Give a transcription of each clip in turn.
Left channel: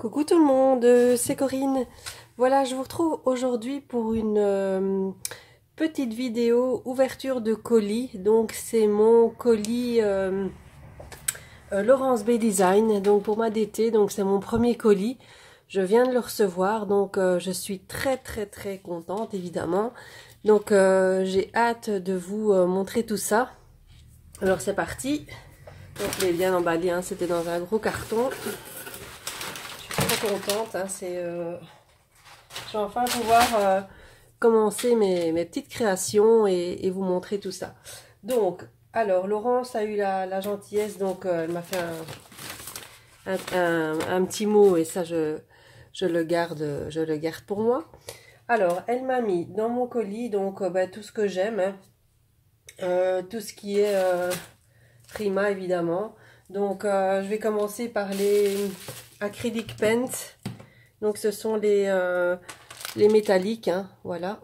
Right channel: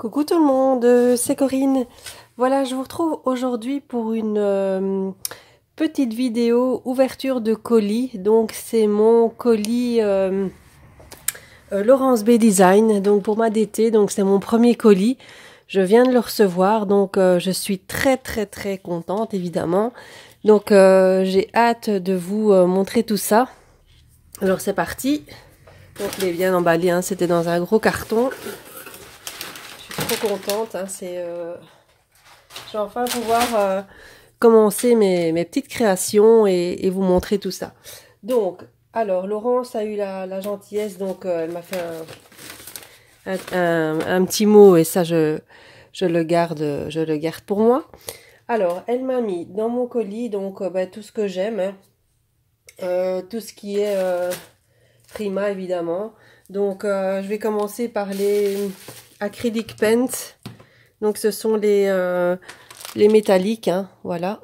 Coucou tout le monde, c'est Corinne. Voilà, je vous retrouve aujourd'hui pour une petite vidéo ouverture de colis. Donc c'est mon colis Laurence B Design, donc pour ma DT, donc c'est mon premier colis. Je viens de le recevoir, donc je suis très contente évidemment. Donc j'ai hâte de vous montrer tout ça. Alors c'est parti. Donc il est bien emballé, hein, c'était dans un gros carton. Trop contente, hein, je vais enfin pouvoir commencer mes petites créations et vous montrer tout ça. Donc, alors Laurence a eu la gentillesse, donc elle m'a fait un petit mot et ça je le garde pour moi. Alors, elle m'a mis dans mon colis donc tout ce que j'aime, hein, tout ce qui est Prima évidemment. Donc je vais commencer par les acrylic paints. Donc ce sont les métalliques, hein, voilà,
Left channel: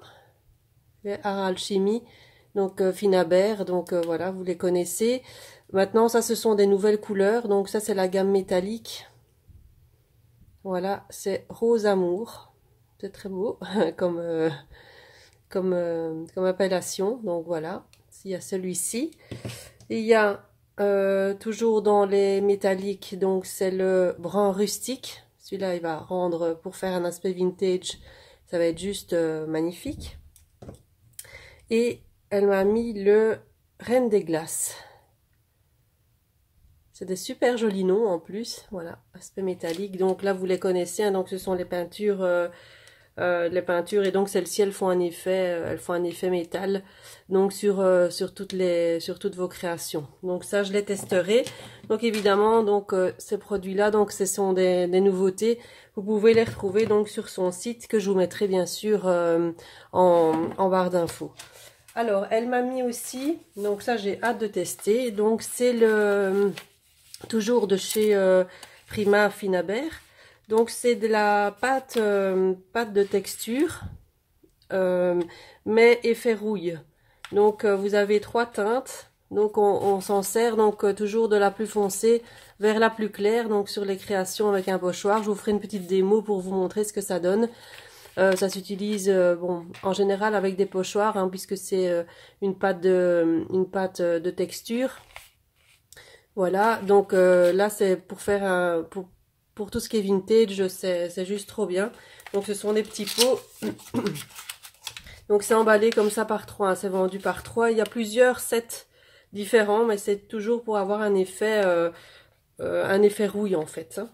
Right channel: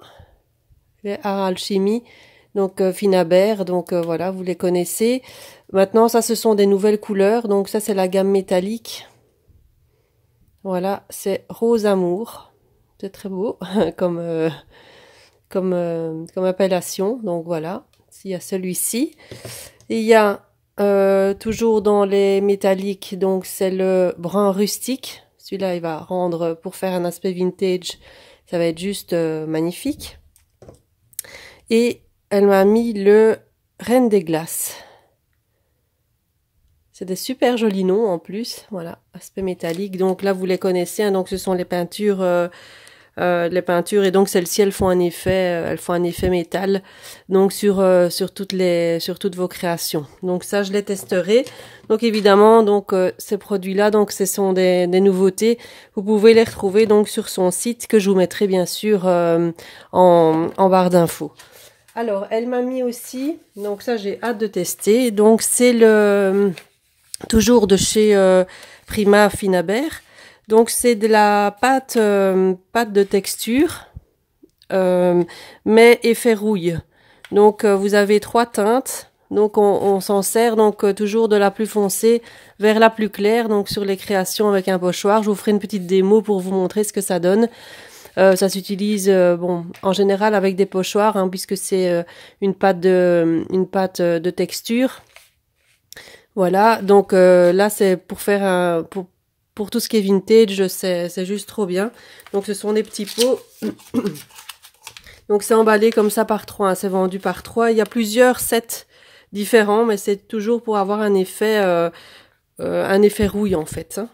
les Art Alchemy, donc Finabert, donc voilà, vous les connaissez. Maintenant ça ce sont des nouvelles couleurs, donc ça c'est la gamme métallique. Voilà, c'est Rose Amour, c'est très beau comme appellation. Donc voilà, il y a celui-ci. Il y a toujours dans les métalliques, donc c'est le brun rustique. Celui-là, il va rendre, pour faire un aspect vintage, ça va être juste magnifique. Et elle m'a mis le Reine des Glaces. C'est des super jolis noms en plus. Voilà, aspect métallique. Donc là, vous les connaissez, hein, donc ce sont les peintures. Et donc celles-ci elles font un effet métal donc sur toutes vos créations. Donc ça je les testerai. Donc évidemment donc ces produits là, donc ce sont des nouveautés. Vous pouvez les retrouver donc sur son site que je vous mettrai bien sûr en barre d'infos. Alors elle m'a mis aussi, donc ça j'ai hâte de tester, donc c'est le toujours de chez Prima Finabert. Donc c'est de la pâte de texture, mais effet rouille. Donc vous avez 3 teintes. Donc on s'en sert donc toujours de la plus foncée vers la plus claire. Donc sur les créations avec un pochoir, je vous ferai une petite démo pour vous montrer ce que ça donne. Ça s'utilise bon en général avec des pochoirs, hein, puisque c'est une pâte de texture. Voilà. Donc là c'est pour faire pour tout ce qui est vintage, c'est juste trop bien. Donc ce sont des petits pots. Donc c'est emballé comme ça par 3, hein, c'est vendu par 3. Il y a plusieurs sets différents, mais c'est toujours pour avoir un effet rouille en fait. Hein.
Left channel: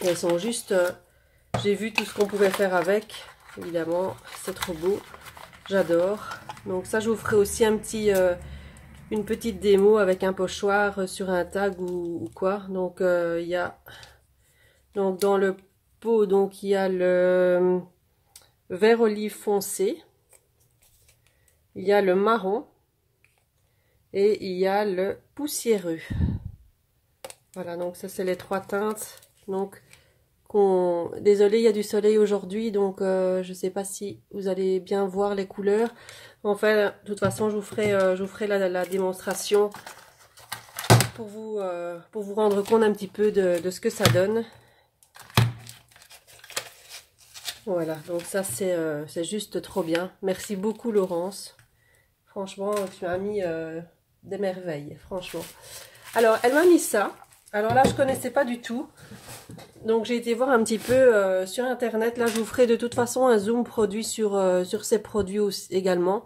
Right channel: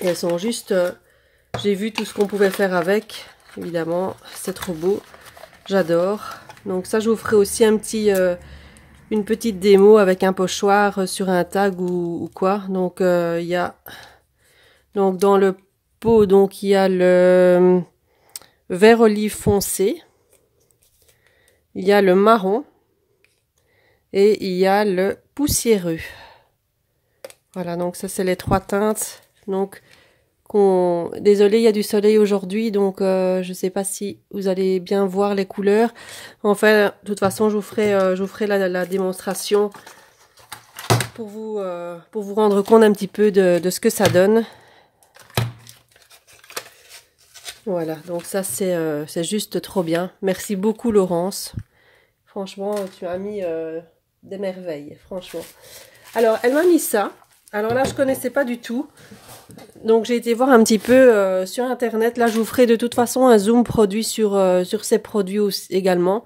Et elles sont juste... j'ai vu tout ce qu'on pouvait faire avec, évidemment, c'est trop beau. J'adore. Donc ça je vous ferai aussi une petite démo avec un pochoir sur un tag ou quoi. Donc il y a donc dans le pot donc il y a le vert olive foncé, il y a le marron et il y a le poussiéreux. Voilà, donc ça c'est les 3 teintes. Donc désolé, il y a du soleil aujourd'hui, donc je sais pas si vous allez bien voir les couleurs. Enfin, de toute façon, je vous ferai la démonstration pour vous rendre compte un petit peu de ce que ça donne. Voilà, donc ça c'est juste trop bien. Merci beaucoup Laurence. Franchement, tu as mis des merveilles, franchement. Alors, elle m'a mis ça. Alors là, je connaissais pas du tout. Donc j'ai été voir un petit peu sur internet. Là je vous ferai de toute façon un zoom produit sur ces produits aussi, également.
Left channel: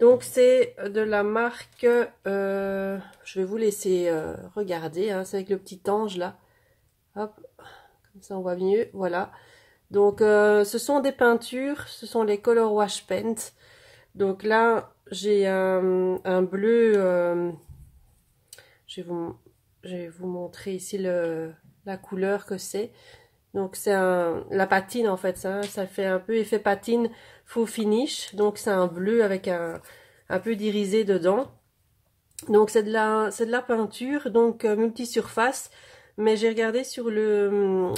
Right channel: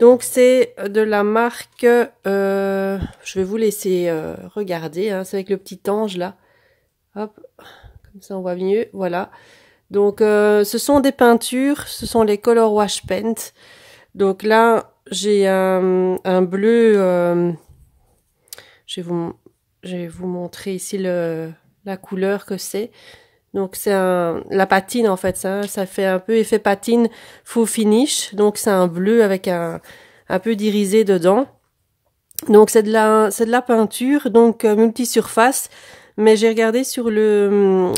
Donc c'est de la marque, je vais vous laisser regarder, hein, c'est avec le petit ange là. Hop, comme ça on voit mieux, voilà. Donc ce sont des peintures, ce sont les Color Wash Paint. Donc là j'ai un bleu, je vais vous montrer ici la couleur que c'est. Donc c'est la patine en fait, ça fait un peu effet patine faux finish. Donc c'est un bleu avec un peu d'irisé dedans. Donc c'est de la peinture, donc multisurface. Mais j'ai regardé sur le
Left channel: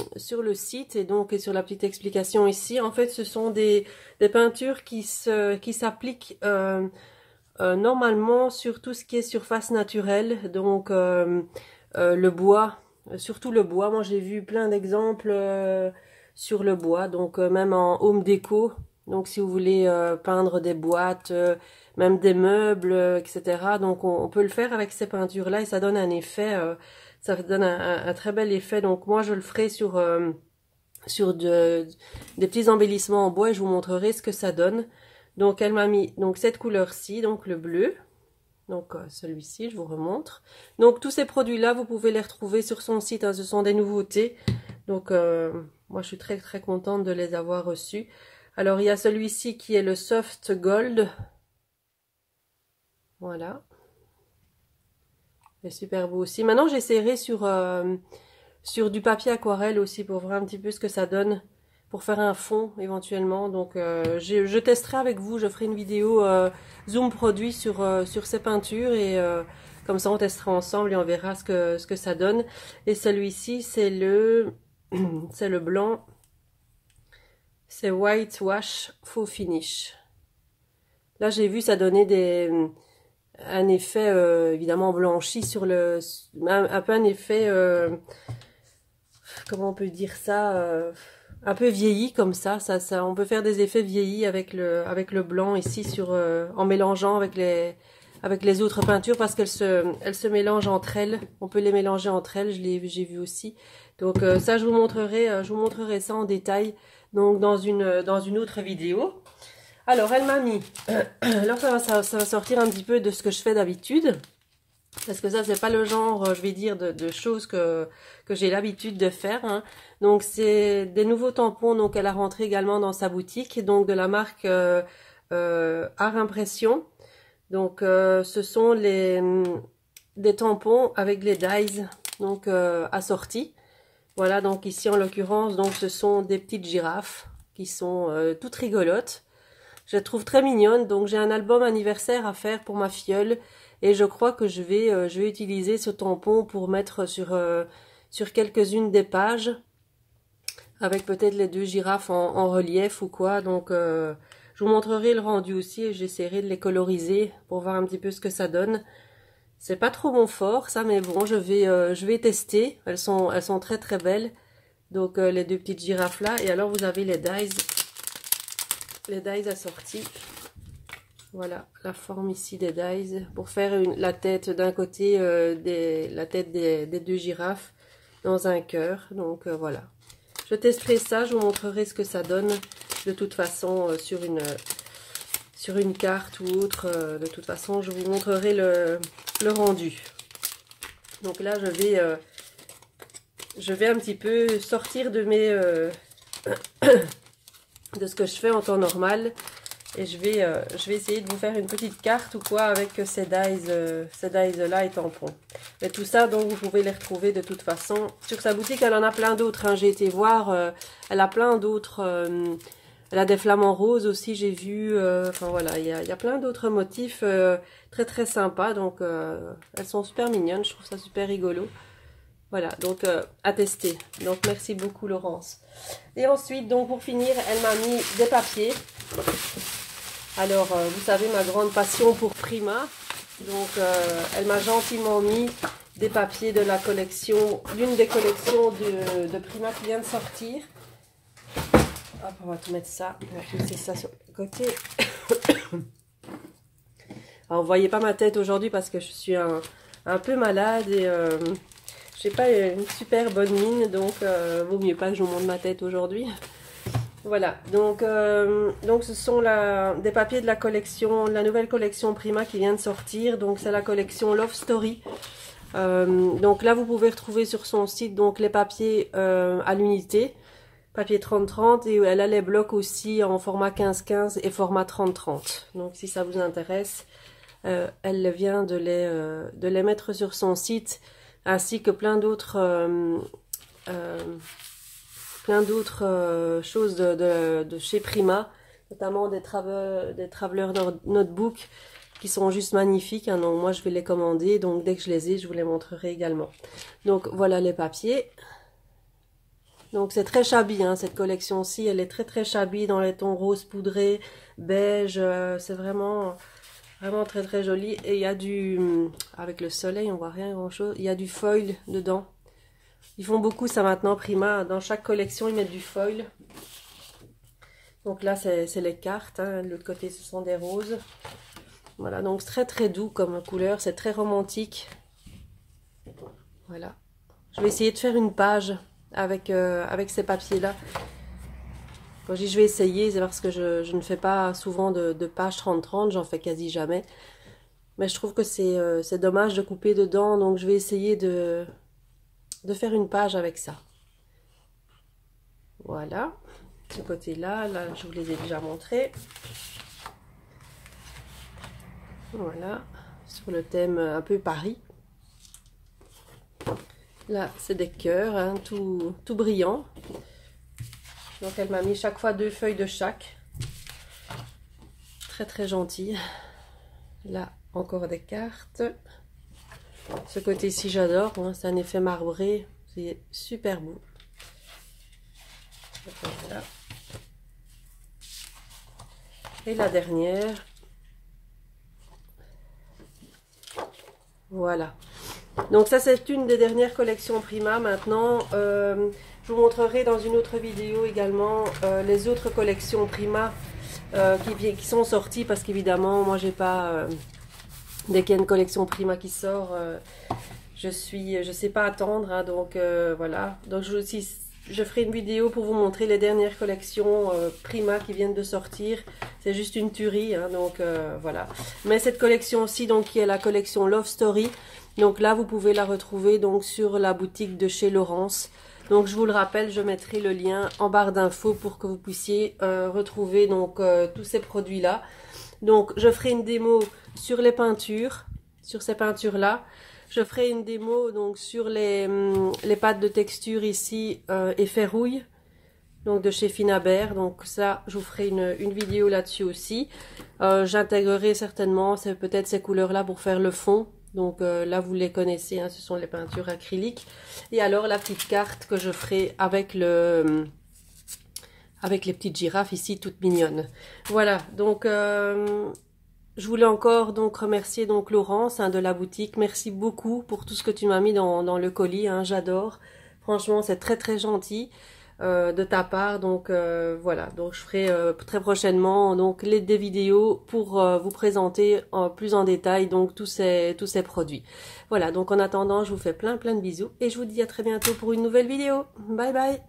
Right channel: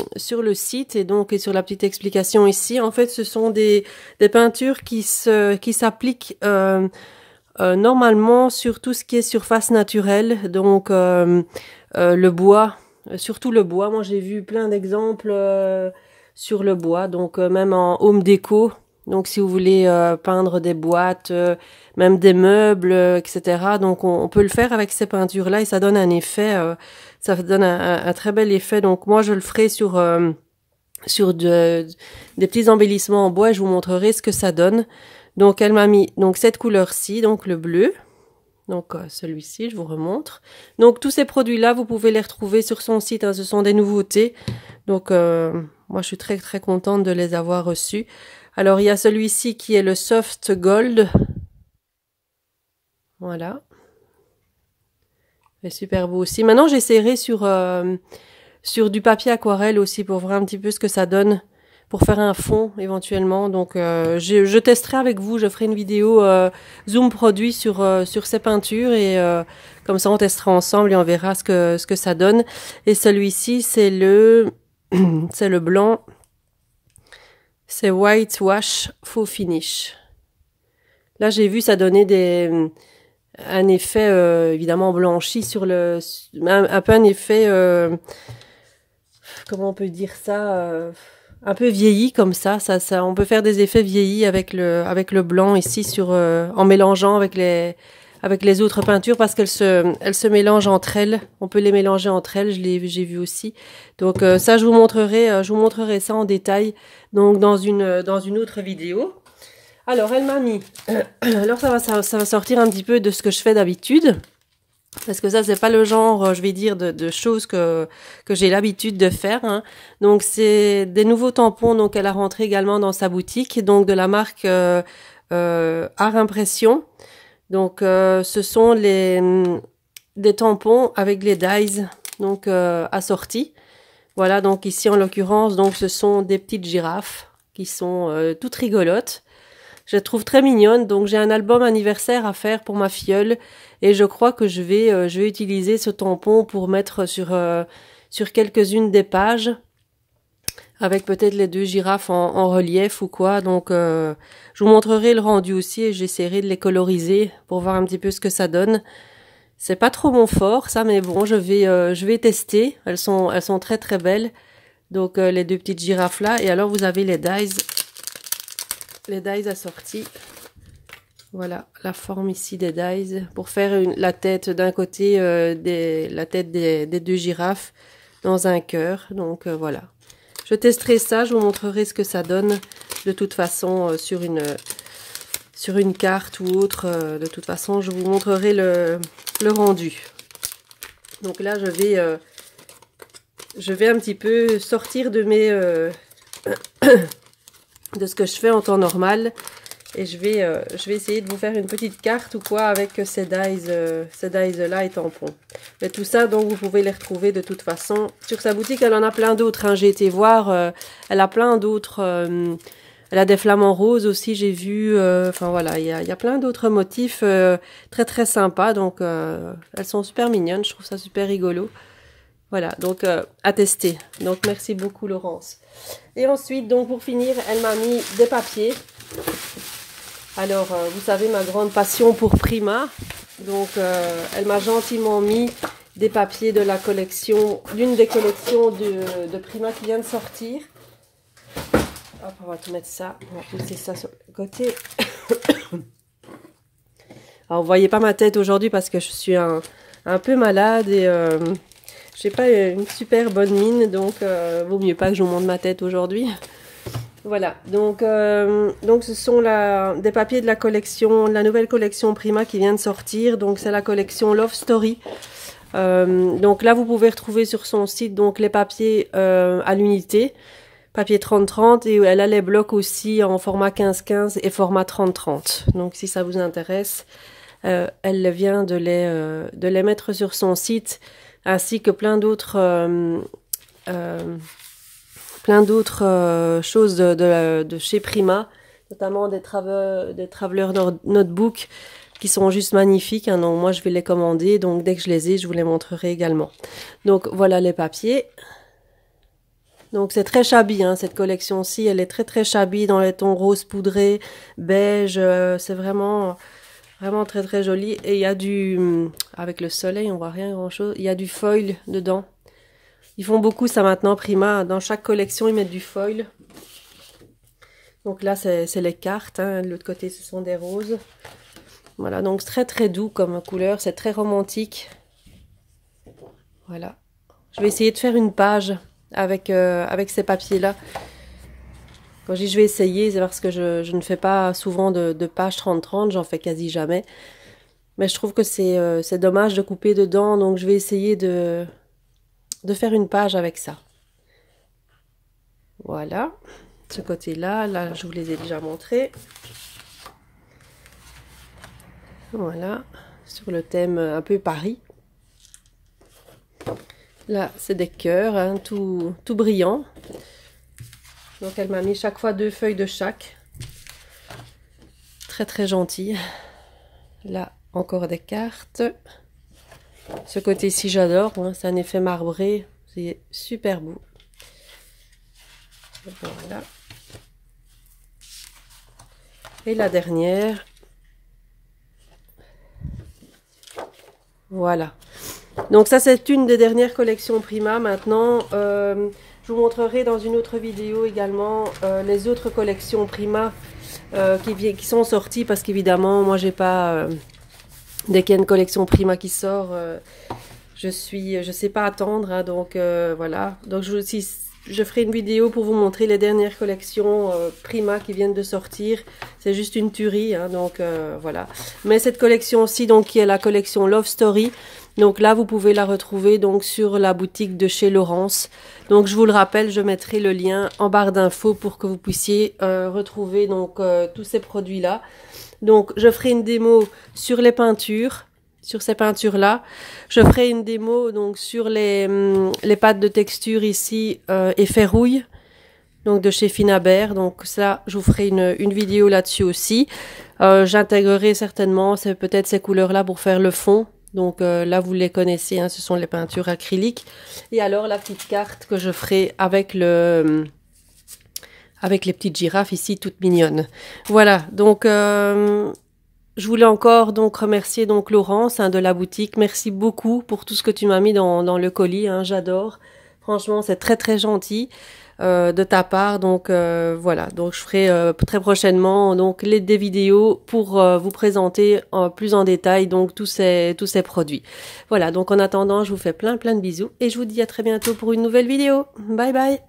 site et sur la petite explication ici. En fait, ce sont des peintures qui s'appliquent normalement sur tout ce qui est surface naturelle. Donc le bois. surtout le bois. Moi j'ai vu plein d'exemples sur le bois, donc même en home déco. Donc si vous voulez peindre des boîtes, même des meubles, etc. Donc on peut le faire avec ces peintures-là et ça donne un effet, ça donne un très bel effet. Donc moi je le ferai sur des petits embellissements en bois et je vous montrerai ce que ça donne. Donc elle m'a mis donc cette couleur-ci, donc le bleu. Donc celui-ci, je vous remontre. Donc tous ces produits-là, vous pouvez les retrouver sur son site, hein, ce sont des nouveautés. Donc moi je suis très très contente de les avoir reçus. Alors il y a celui-ci qui est le Soft Gold. Voilà. C'est super beau aussi. Maintenant j'essaierai sur du papier aquarelle aussi pour voir un petit peu ce que ça donne. Pour faire un fond éventuellement. Donc je testerai avec vous, je ferai une vidéo zoom produit sur ces peintures et comme ça on testera ensemble et on verra ce que ça donne. Et celui-ci c'est c'est le blanc, c'est White Wash Faux Finish. Là j'ai vu ça donnait un effet évidemment blanchi sur un peu un effet comment on peut dire ça un peu vieilli comme ça, on peut faire des effets vieillis avec le blanc ici en mélangeant avec les autres peintures parce qu'elles se mélangent entre elles. On peut les mélanger entre elles, j'ai vu aussi. Donc ça je vous montrerai ça en détail donc dans une autre vidéo. Alors elle m'a mis alors ça va sortir un petit peu de ce que je fais d'habitude. Parce que ça, c'est pas le genre, je vais dire, de choses que j'ai l'habitude de faire. Hein. Donc, c'est des nouveaux tampons. Donc, elle a rentré également dans sa boutique. Donc, de la marque Art Impression. Donc, ce sont des tampons avec les dies donc assortis. Voilà, donc ici, en l'occurrence, donc ce sont des petites girafes qui sont toutes rigolotes. Je les trouve très mignonnes. Donc, j'ai un album anniversaire à faire pour ma filleule. Et je crois que je vais utiliser ce tampon pour mettre sur quelques-unes des pages, avec peut-être les deux girafes en relief ou quoi. Donc, je vous montrerai le rendu aussi et j'essaierai de les coloriser pour voir un petit peu ce que ça donne. C'est pas trop mon fort, ça, mais bon, je vais tester. Elles sont très très belles. Donc, les deux petites girafes là. Et alors, vous avez les dies assortis. Voilà, la forme ici des dies pour faire la tête d'un côté, la tête des deux girafes dans un cœur. Donc voilà, je testerai ça, je vous montrerai ce que ça donne de toute façon sur une carte ou autre. De toute façon, je vous montrerai le rendu. Donc là, je vais un petit peu sortir de de ce que je fais en temps normal. Et je vais essayer de vous faire une petite carte ou quoi avec ces dies là et tampons. Mais tout ça, donc, vous pouvez les retrouver de toute façon. Sur sa boutique, elle en a plein d'autres. Hein. J'ai été voir, elle a plein d'autres. Elle a des flamants roses aussi, j'ai vu. Enfin voilà, il y a plein d'autres motifs très très sympas. Donc, elles sont super mignonnes. Je trouve ça super rigolo. Voilà, donc à tester. Donc, merci beaucoup, Laurence. Et ensuite, donc, pour finir, elle m'a mis des papiers. Alors, vous savez, ma grande passion pour Prima. Donc, elle m'a gentiment mis des papiers de la collection, l'une des collections de Prima qui vient de sortir. Hop, on va tout mettre ça. On va pousser ça sur le côté. Alors, vous voyez pas ma tête aujourd'hui parce que je suis un peu malade et j'ai pas une super bonne mine. Donc, vaut mieux pas que je vous montre ma tête aujourd'hui. Voilà, donc ce sont des papiers de la collection, la nouvelle collection Prima qui vient de sortir. Donc c'est la collection Love Story. Donc là vous pouvez retrouver sur son site donc les papiers à l'unité, papier 30-30 et elle a les blocs aussi en format 15-15 et format 30-30. Donc si ça vous intéresse, elle vient de les mettre sur son site ainsi que plein d'autres choses de chez Prima, notamment des Traveler Notebook qui sont juste magnifiques. Hein, donc moi je vais les commander, donc dès que je les ai, je vous les montrerai également. Donc voilà les papiers. Donc c'est très shabby, hein, cette collection-ci, elle est très très shabby dans les tons rose poudré, beige, c'est vraiment très très joli. Et il y a avec le soleil on voit rien grand chose, il y a du foil dedans. Ils font beaucoup ça maintenant, Prima. Dans chaque collection, ils mettent du foil. Donc là, c'est les cartes. Hein. De l'autre côté, ce sont des roses. Voilà, donc très très doux comme couleur. C'est très romantique. Voilà. Je vais essayer de faire une page avec ces papiers-là. Quand je dis je vais essayer, c'est parce que je ne fais pas souvent de page 30-30. J'en fais quasi jamais. Mais je trouve que c'est dommage de couper dedans. Donc je vais essayer de faire une page avec ça. Voilà. Ce côté-là, là, je vous les ai déjà montrés. Voilà. Sur le thème un peu Paris. Là, c'est des cœurs, hein, tout brillant. Donc, elle m'a mis chaque fois 2 feuilles de chaque. Très, très gentil. Là, encore des cartes. Ce côté-ci, j'adore. Hein, c'est un effet marbré. C'est super beau. Voilà. Et la dernière. Voilà. Donc ça, c'est une des dernières collections Prima. Maintenant, je vous montrerai dans une autre vidéo également les autres collections Prima qui sont sorties. Parce qu'évidemment, moi, j'ai pas... dès qu'il y a une collection Prima qui sort, je sais pas attendre. Hein, donc voilà. Donc je ferai une vidéo pour vous montrer les dernières collections Prima qui viennent de sortir. C'est juste une tuerie, hein, donc voilà. Mais cette collection-ci, donc qui est la collection Love Story, donc là vous pouvez la retrouver donc sur la boutique de chez Laurence. Donc je vous le rappelle, je mettrai le lien en barre d'infos pour que vous puissiez retrouver donc tous ces produits-là. Donc je ferai une démo sur les peintures. Sur ces peintures-là. Je ferai une démo donc sur les pâtes de texture ici effet rouille, donc de chez Finabert. Donc ça, je vous ferai une vidéo là-dessus aussi. J'intégrerai certainement peut-être ces couleurs-là pour faire le fond. Donc là, vous les connaissez, hein, ce sont les peintures acryliques. Et alors la petite carte que je ferai avec avec les petites girafes ici, toutes mignonnes. Voilà, donc... je voulais encore donc remercier donc Laurence hein, de la boutique. Merci beaucoup pour tout ce que tu m'as mis dans le colis. Hein, j'adore. Franchement, c'est très très gentil de ta part. Donc voilà. Donc je ferai très prochainement donc des vidéos pour vous présenter plus en détail donc tous ces produits. Voilà. Donc en attendant, je vous fais plein de bisous et je vous dis à très bientôt pour une nouvelle vidéo. Bye bye.